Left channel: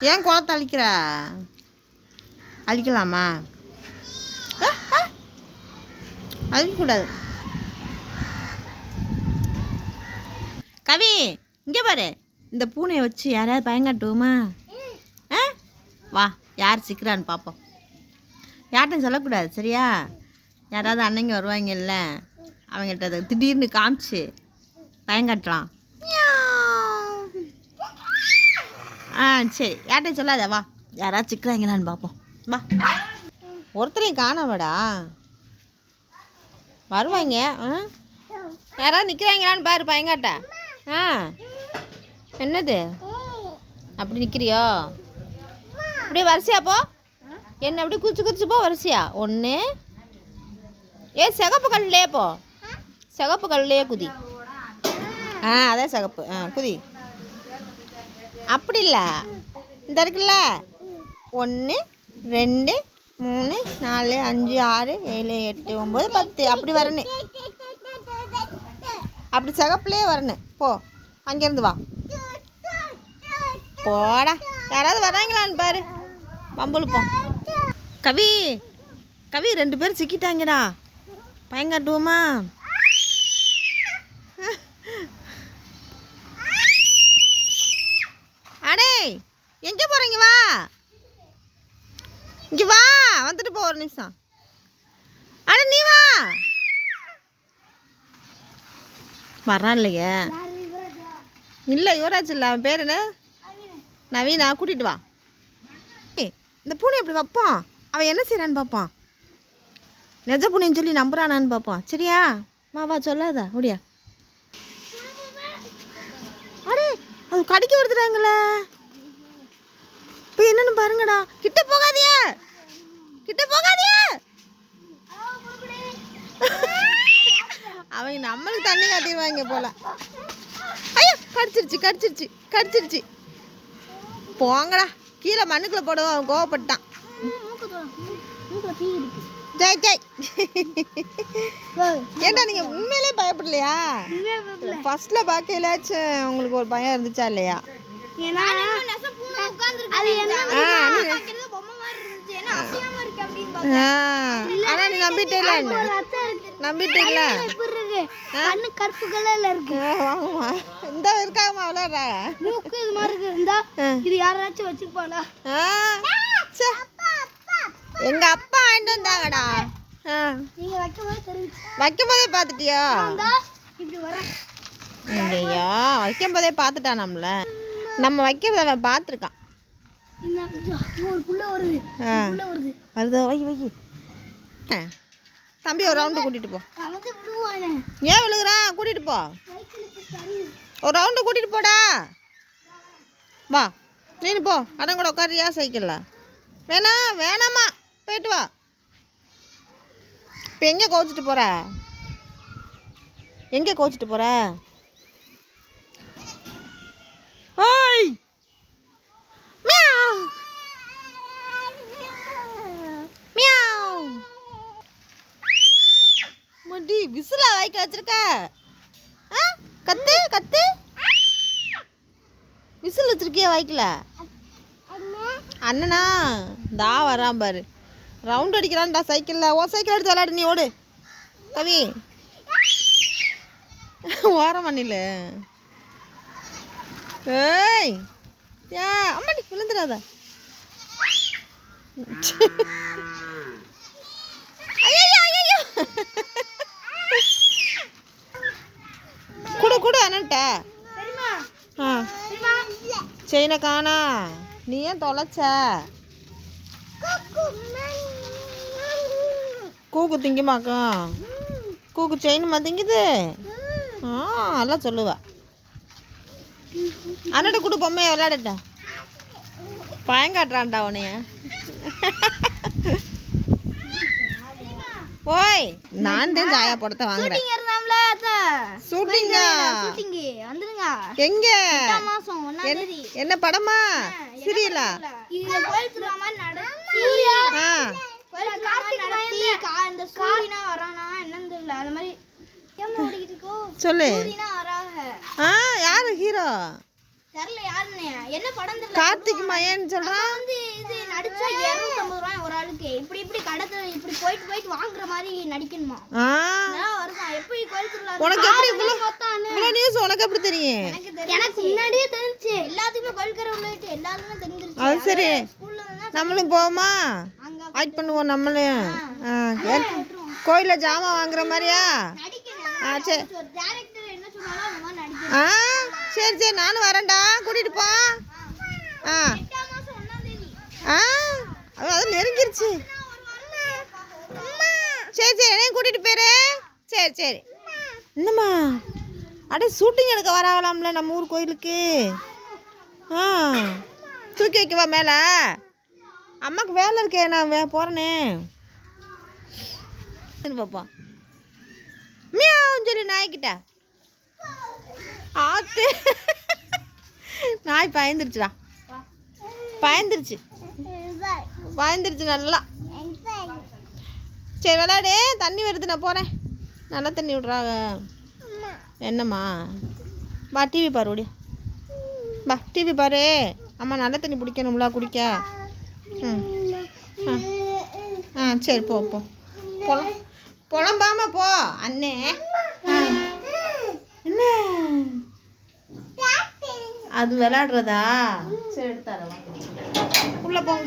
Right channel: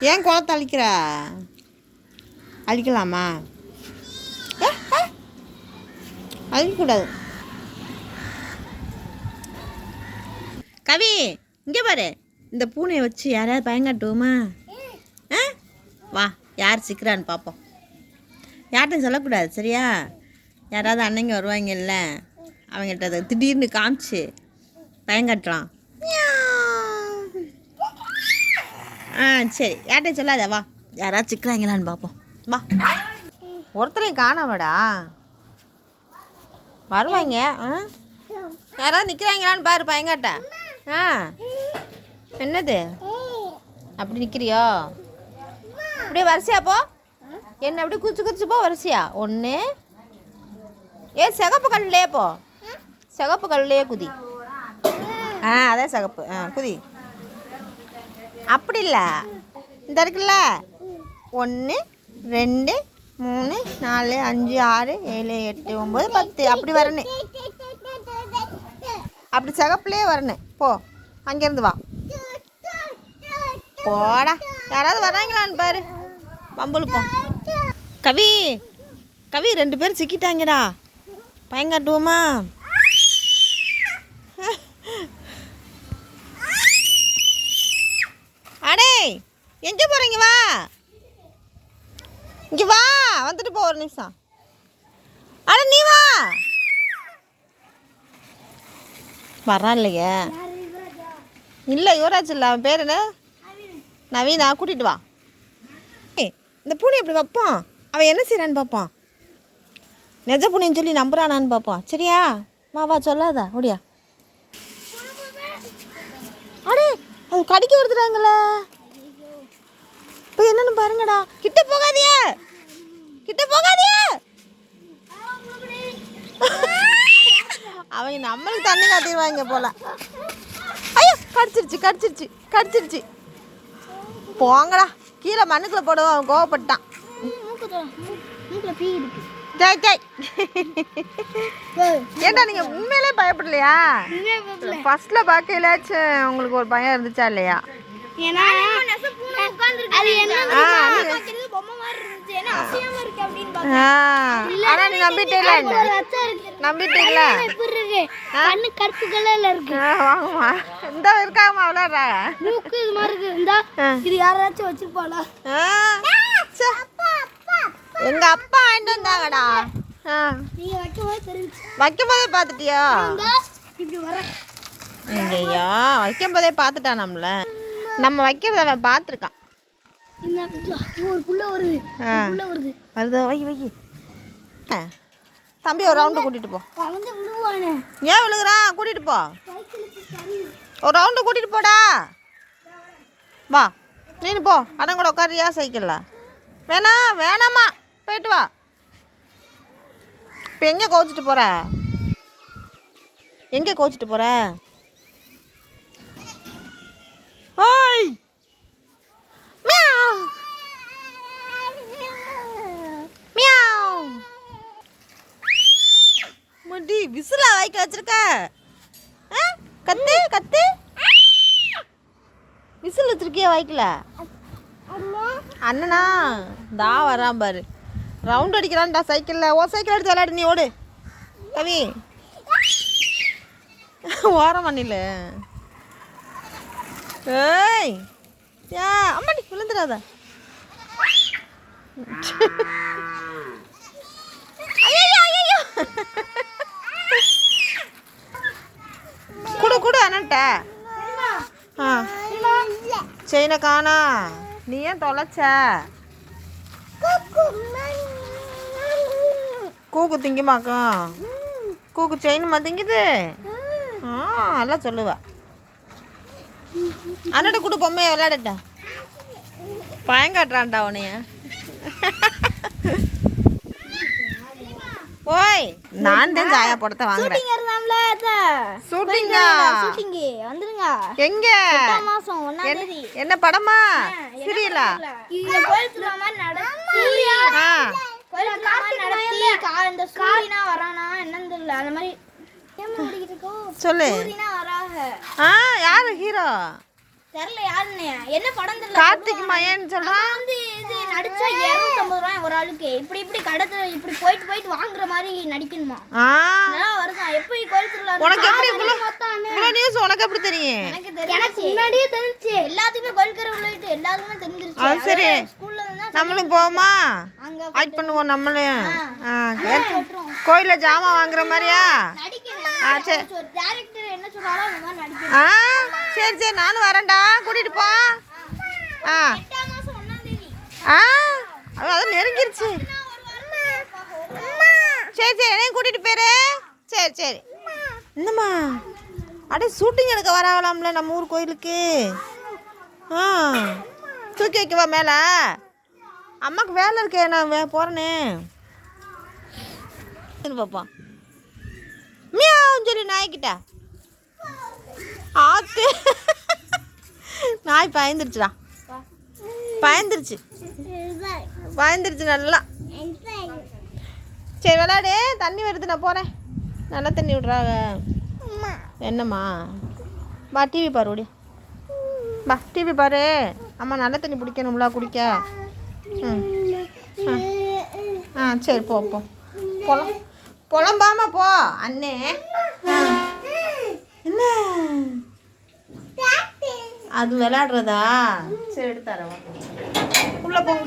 ஏன் குளத்தை அழிக்கிற? அழிக்கலாமா? அழிக்கக்கூடாது. கவி இங்கே பாரு, இந்த பூனையை வச்சு யாராவது பயங்காட்டுவோமா? வா, யார் சிக்கிறான்னு பார்ப்போம். யார்கிட்டையும் சொல்லக்கூடாது சரியா? யாராவது அன்னைங்க வருவாங்கல்ல, அவங்கள்ட்ட அதை திடீர்னு காமிச்சு பயங்காட்டலாம். சரி, யார்கிட்டையும் சொல்லாத. வா, யாராவது சிக்கிறாங்களான்னு பார்ப்போம். வா. ஒருத்தரையும் காணாமடா. வருவாங்க. யாராவது நிற்கிறாங்களான்னு பாரு பயங்காட்ட. என்னது அப்படி நிற்கிறியோ? அப்படியே வரிசையா போ. என்ன அப்படி குதிச்சு போ வரிசையா. ஒன்று சிகப்பு கல்லையே போ. சிகப்பு கல்லையே குதி. அதான் சிகப்பு. குதி. அப்படி இல்லை, இந்த இருக்குல்ல, 1 2 3 4 5 6 7 8 9 10 அப்படி வரணும். அப்படி சிகப்புலேயே வரணும். போ, அங்கேருந்து வா. போடா, யாராவது வராங்களான்னு பாரு. பம்புழுப்போம். கவி 2 பேரும் சிக்கிட்டாங்கடா. பயங்காட்டுவோமா? அடே, எங்கே போகிறீங்க? வா, இங்கே வா, வந்துட்டு போ. ஒரு நிமிஷம். அட நீ வா. வரா இல்லையே. இல்லை, யுவராஜ் இல்லை, அவன் பேர் என்ன? நவீனா. கூட்டிகிட்டு வா. இந்த பூனை எப்படி வைப்பான்? அவன் என்ன செய்கிறான்னு பார்ப்பான். நெஜ பூனைன்னு சொல்லி நம்புறானான்னு பார்ப்பான். சரியா? வா சொல்லாதா ஓடியா. அடே, அது கடிக்க வருதுறாங்களே. இப்போ என்னன்னு பாருங்கடா. கிட்ட போகாதியா. அவங்க நம்மளுக்கு தண்ணி காட்டிடுவாங்க போல. ஐயோ, கடிச்சிருச்சு. போங்கடா, கீழே மண்ணுக்குள்ள போடுவோம். அவன் கோவப்பட்டான். ஜெய் ஏண்டா, நீங்க உண்மையிலே பயப்படலையா? ஃபர்ஸ்ட்ல பார்க்கலாச்சும் உங்களுக்கு ஒரு பயம் இருந்துச்சா இல்லையா? ஆனா நீ நம்பிட்டீங்களா? வாங்கம்மா, இந்த இருக்காமா விளையாடுறாங்க. எங்க அப்பா வாங்கிட்டு வந்தாங்கடா. வைக்கும் போதே பார்த்துட்டியா? இல்லையா, வைக்கும் போதே பார்த்துட்டான். நம்ம வைக்கிறத அவன் பார்த்துருக்கான். வருதோ? வை. தம்பி ஒரு ரவுண்டு கூட்டிட்டு போ. ஏன் விழுகுறான்? கூட்டிட்டு போ. ஒரு ரவுண்டு கூட்டிட்டு போடா. வா, நீனு போ. அடம் கூட உட்காரியா சைக்கிள்ல? வேணாமா, போயிட்டு வா. இப்போ எங்கே கோச்சிட்டு போற? ஓய், மியாவ் மியாவ். முடி விசிலா வாய்க்க வச்சிருக்க? கத்து. விசில் வச்சிருக்கியா வாய்க்கல? அண்ணனா தா வரான் பாரு. ரவுண்ட் அடிக்கிறான்டா சைக்கிளில். சைக்கிள் எடுத்து விளையாடு. நீ ஓடு கவி. ஓரம் பண்ணில. ஏய், அம்மாடி விழுந்துடாத. ஐயோ குடு அண்ணன்ட்ட. செயினை காணா. நீ ஏன் தொலைச்ச? கூக்கு திங்குமாக்கும். கூக்கு செயினுமா திங்குது? எல்லாம் சொல்லுவா. அண்ணட்ட கூட பொம்மையை விளையாடட்ட. பயங்காட்டுறான்டா உனைய. ஓய், நான் தான் ஜாயா படத்தை வாங்குறேன். ஷூட்டிங்கா? எங்க? என்ன படமா? சீரியலா? சொல்லு. யாரு ஹீரோ? தெரியல யாருன்னு. என்ன படம் தெரியல. கார்த்திக் மயன்னு சொல்றான். வந்து இது நடிச்சா 250 ரூபாய் ஒரு ஆளுக்கு. இப்படி இப்படி கடத்துல இப்படி போயிட்டு வாங்குற மாதிரி நடிக்கணுமா? நல்லா வருமா? எப்போ கோயிலுக்குள்ள உனக்கு எப்படி இவ்வளவு நியூஸ் உனக்கு எப்படி தெரியும்? எனக்கு முன்னாடியே தெரிஞ்சு. எல்லாத்துக்குமே கோயிலுக்குற உள்ளிட்டு எல்லாருமே தெரிஞ்சிருச்சு. அது சரி. ஸ்கூல்ல தான் நம்மளும் போவோமா? ஆக்ட் பண்ணுவோம் நம்மளும். கோயில்ல ஜாமான் வாங்குற மாதிரியா? நடிக்கணும். சரி. ஒரு டைரக்டர் என்ன சொல்றாரோ அதான் நடிக்கணும். சரி சரி நானும் வரேன்டா, கூட்டிட்டு போ. 8ஆம் மாசம் 1ஆம் தேதி. அது நெருங்கிருச்சு. சரி சரி என்னையும் கூட்டிட்டு போயிரு. சரி சரி. என்னம்மா அட ஷூட்டிங் எடுக்க வராங்களாம்ல நம்ம ஊர் கோயிலுக்கு. தூக்கி வைக்கவா மேலே? அம்மாவுக்கு வேலை இருக்கே, நான் போகிறேனே. பார்ப்போம். மியாவும் சொல்லி நாய்க்கிட்ட ஆத்து. நாய் பயந்துருச்சுடா. பயந்துருச்சு நல்லா. சரி விளையாடு, தண்ணி வருது, நான் போகிறேன். நல்லா தண்ணி விட்றாங்க. என்னம்மா வா டிவி பாரு. ஓடி வா டிவி பாரு. அம்மா நல்ல தண்ணி பிடிக்கணும்ல குடிக்க. சரி போ போ. புலம்பாம போ அண்ணே. என்ன அது விளையாடுறதா? சரி எடுத்தாரவா. உள்ள போங்க.